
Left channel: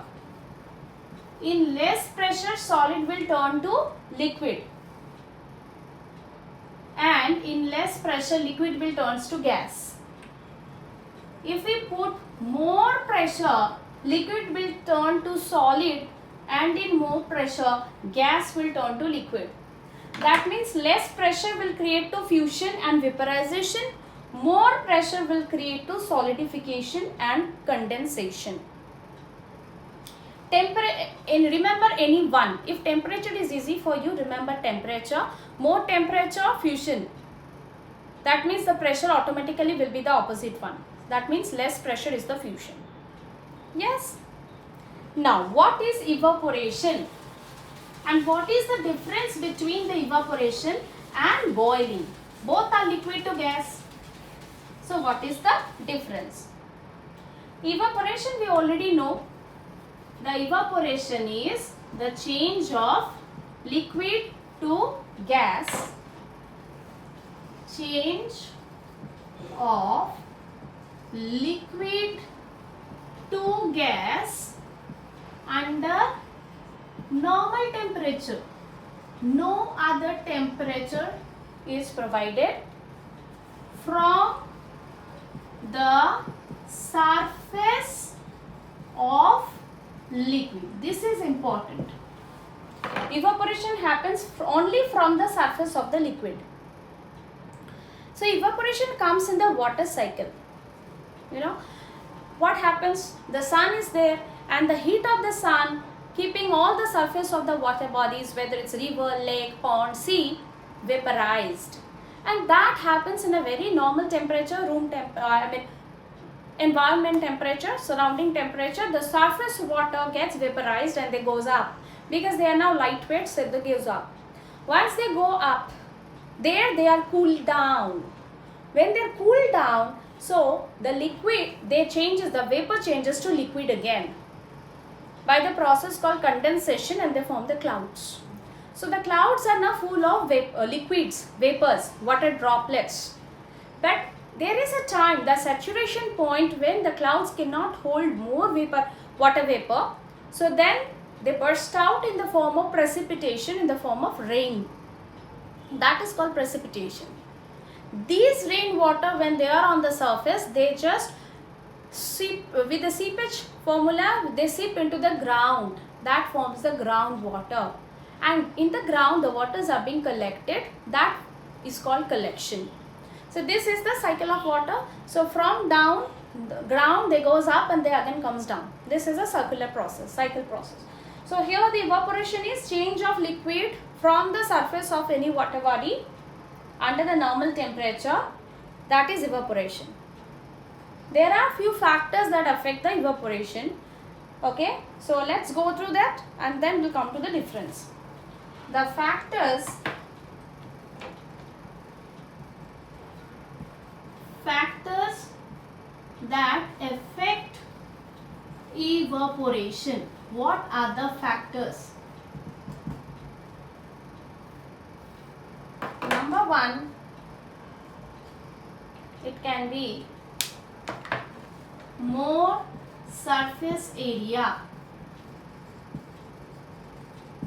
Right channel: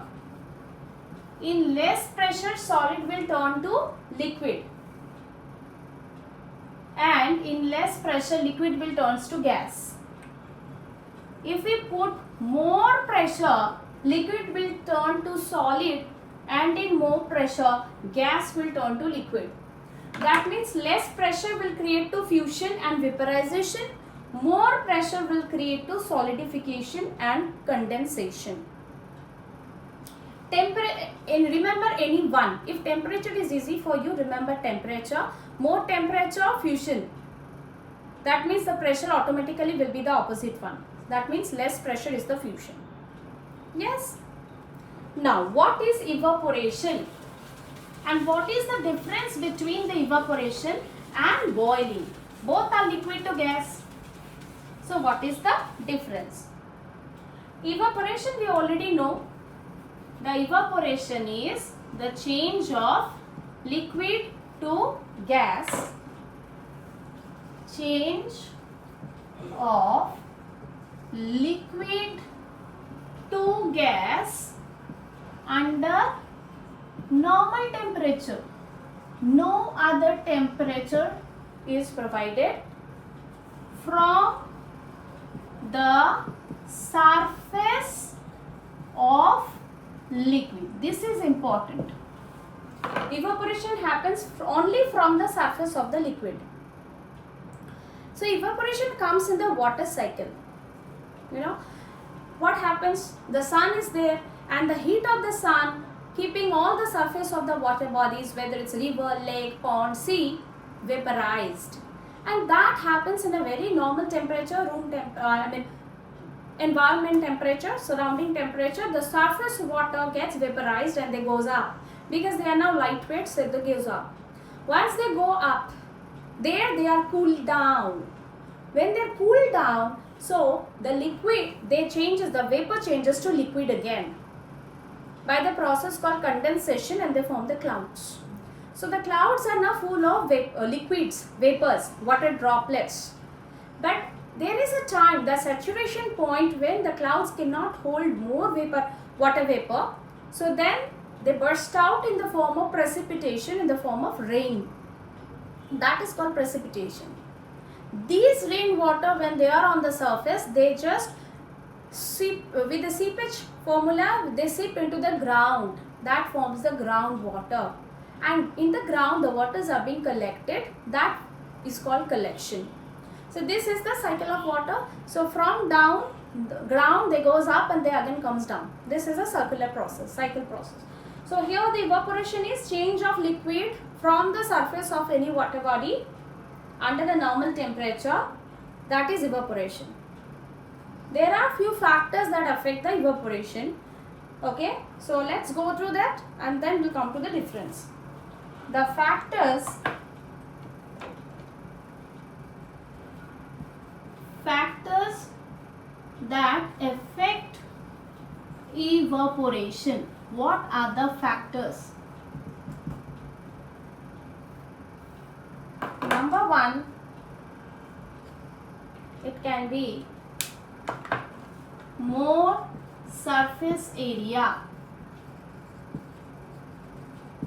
In less pressure, solid will turn to liquid. And in less pressure, liquid will turn to gas. If we put more pressure, liquid will turn to solid, and in more pressure, gas will turn to liquid. That means less pressure will create to fusion and vaporization. More pressure will create to solidification and condensation. Remember any one. If temperature is easy for you, remember temperature. More temperature, fusion. That means the pressure automatically will be the opposite one. That means less pressure is the fusion. Yes. Now, what is evaporation? And what is the difference between the evaporation and boiling? Both are liquid to gas. So, what is the difference? Evaporation we already know. The evaporation is the change of liquid to gas. Change of liquid to gas under normal temperature. No other temperature is provided from the surface of liquid. This is important. Evaporation happens only from the surface of the liquid. So evaporation comes in the water cycle. You know what happens? The sun is there and the heat of the sun keeping all the surface of the water bodies, whether it's river, lake, pond, sea, vaporized. And that happens in a very normal temperature, environment temperature, surrounding temperature, the surface water gets vaporized and they goes up because they are now lightweight, so they goes up. Once they go up, there they are cooled down. When they cool down, so the liquid, the vapor changes to liquid again by the process called condensation, and they form the clouds. So the clouds are now full of liquids, vapors, water droplets. But there is a time, the saturation point, when the clouds cannot hold more vapor, water vapor. So then they burst out in the form of precipitation, in the form of rain. That is called precipitation. These rainwater, when they are on the surface, they just seep, with the seepage formula, they seep into the ground. That forms the groundwater. And in the ground, the waters are being collected. That is called collection. So this is the cycle of water. So from down the ground, they goes up and they again comes down. This is a circular process, cycle process. So here the evaporation is change of liquid from the surface of any water body under the normal temperature. That is evaporation. There are few factors that affect the evaporation. Okay, so let's go through that and then we'll come to the difference. The factors that affect evaporation. What are the factors? Number one, it can be more surface area.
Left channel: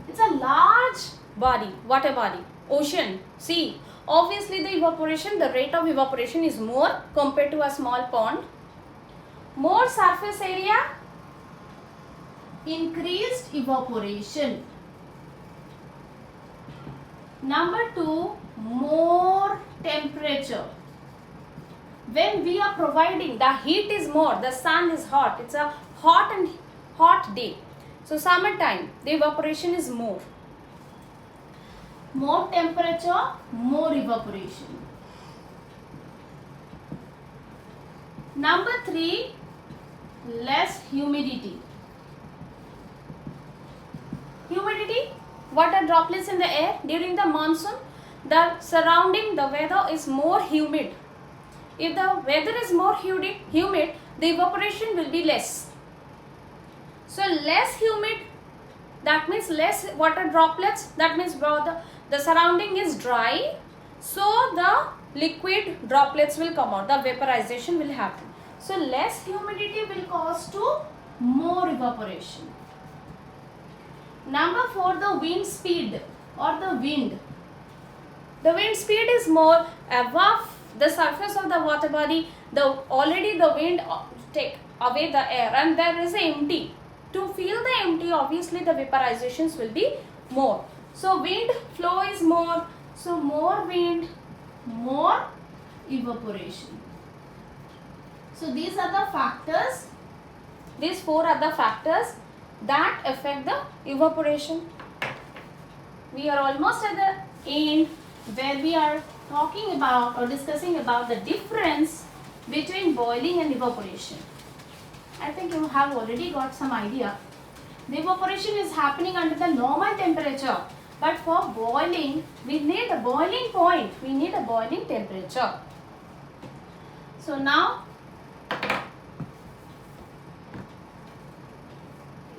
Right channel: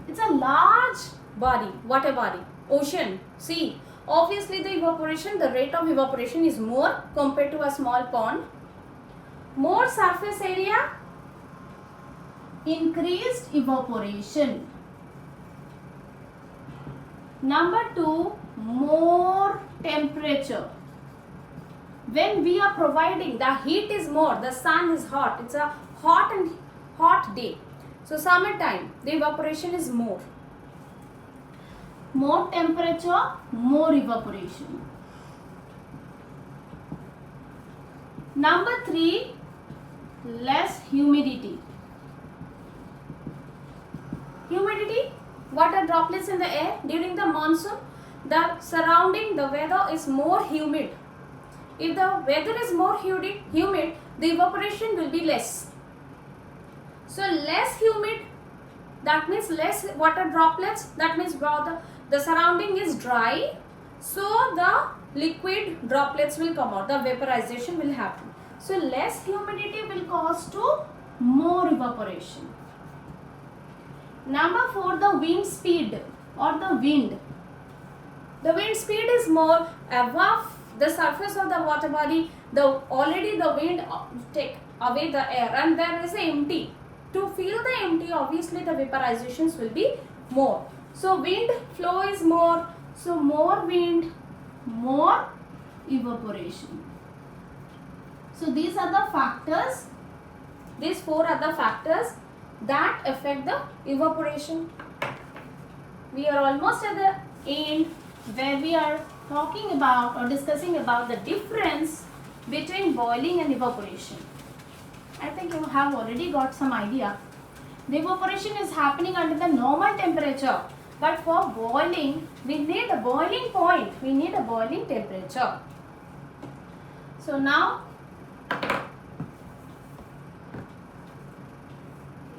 It's a large body, water body, ocean, sea. Obviously the evaporation, the rate of evaporation is more compared to a small pond. More surface area, increased evaporation. Number two, more temperature. When we are providing, the heat is more, the sun is hot, it's a hot day. So summertime, the evaporation is more. More temperature, more evaporation. Number three, less humidity. Humidity, water droplets in the air during the monsoon, the surrounding, the weather is more humid. If the weather is more humid, the evaporation will be less. So less humid, that means less water droplets, that means the surrounding is dry, so the liquid droplets will come out, the vaporization will happen. So less humidity will cause to more evaporation. Number four, the wind speed or the wind. The wind speed is more above the surface of the water body. Already the wind take away the air and there is empty. To fill the empty, obviously the vaporizations will be more. So wind flow is more. So more wind, more evaporation. So these are the factors. These four are the factors that affect the evaporation. We are almost at the end where we are talking about or discussing about the difference between boiling and evaporation. I think you have already got some idea. The evaporation is happening under the normal temperature, but for boiling, we need a boiling point. We need a boiling temperature. So now,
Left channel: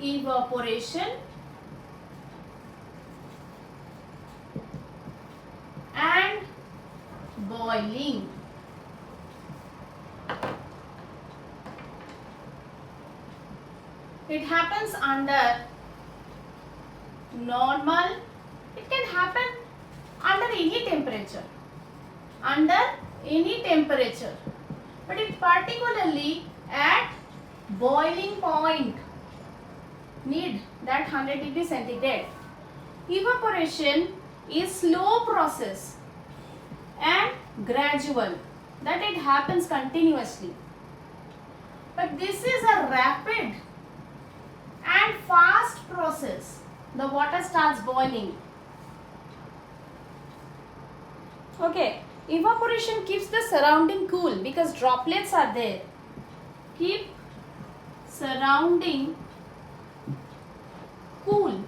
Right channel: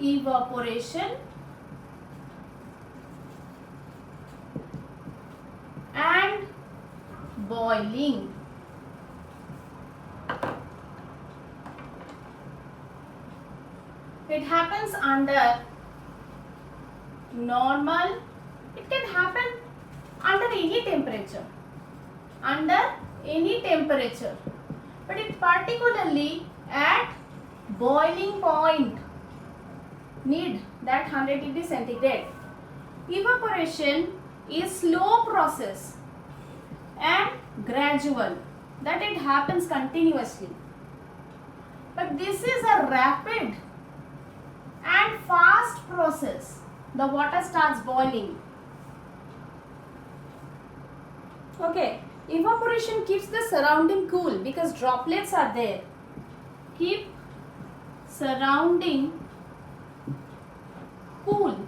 evaporation and boiling. It happens under normal. It can happen under any temperature. Under any temperature. But it particularly at boiling point need that 100 degree centigrade. Evaporation is slow process and gradual, that it happens continuously. But this is a rapid and fast process. The water starts boiling. Okay, evaporation keeps the surrounding cool because droplets are there. Keep surrounding cool.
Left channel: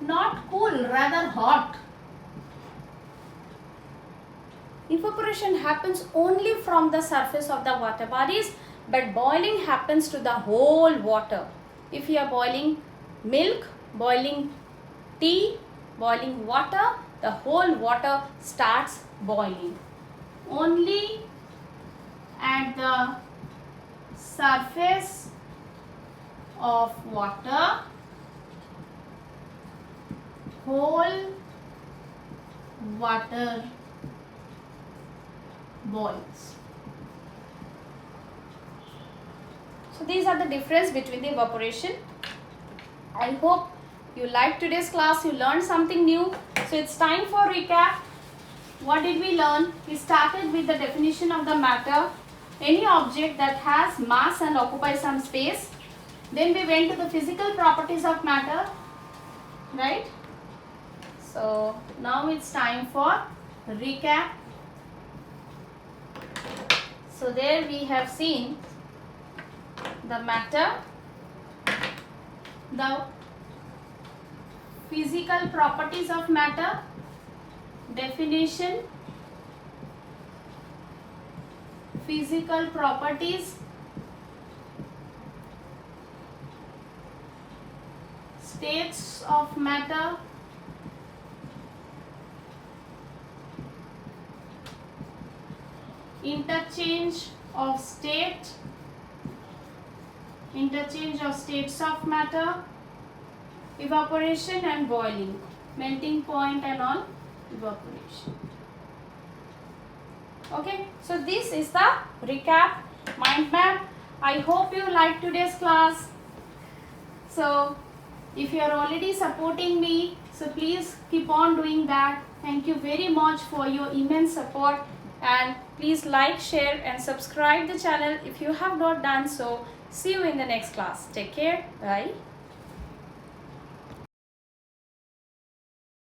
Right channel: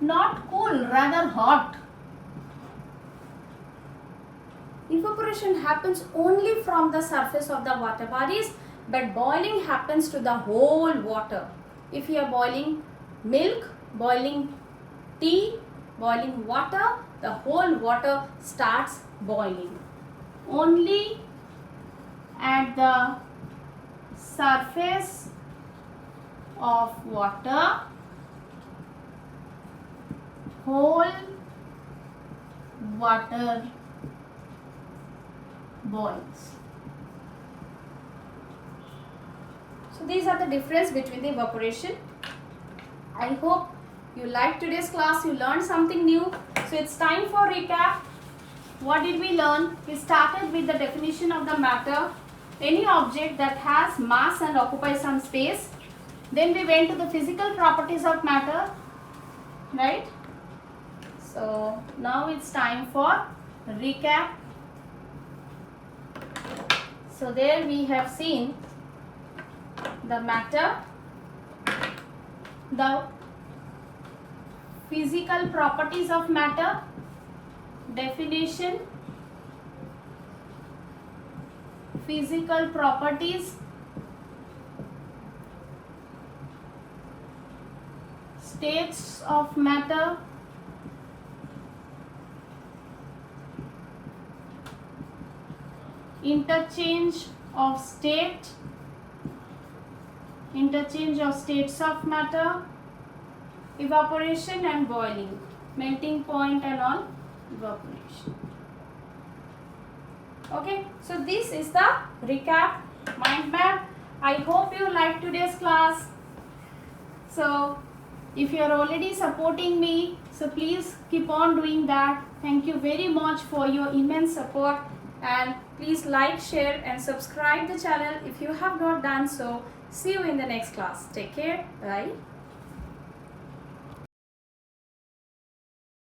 Not cool, rather hot. Evaporation happens only from the surface of the water bodies, but boiling happens to the whole water. If you are boiling milk, boiling tea, boiling water, the whole water starts boiling. Only at the surface of water, whole water boils. So these are the difference between the evaporation. I hope you liked today's class, you learned something new. So it's time for recap. What did we learn? We started with the definition of the matter, any object that has mass and occupies some space. Then we went to the physical properties of matter, right? So now it's time for recap. So there we have seen the matter, the physical properties of matter, definition, physical properties, states of matter, interchange of states of matter, evaporation and boiling, melting point and all, evaporation. Okay, so this is the recap mind map. I hope you liked today's class. So if you are already supporting me, so please keep on doing that. Thank you very much for your immense support, and please like, share and subscribe the channel if you have not done so. See you in the next class. Take care. Bye.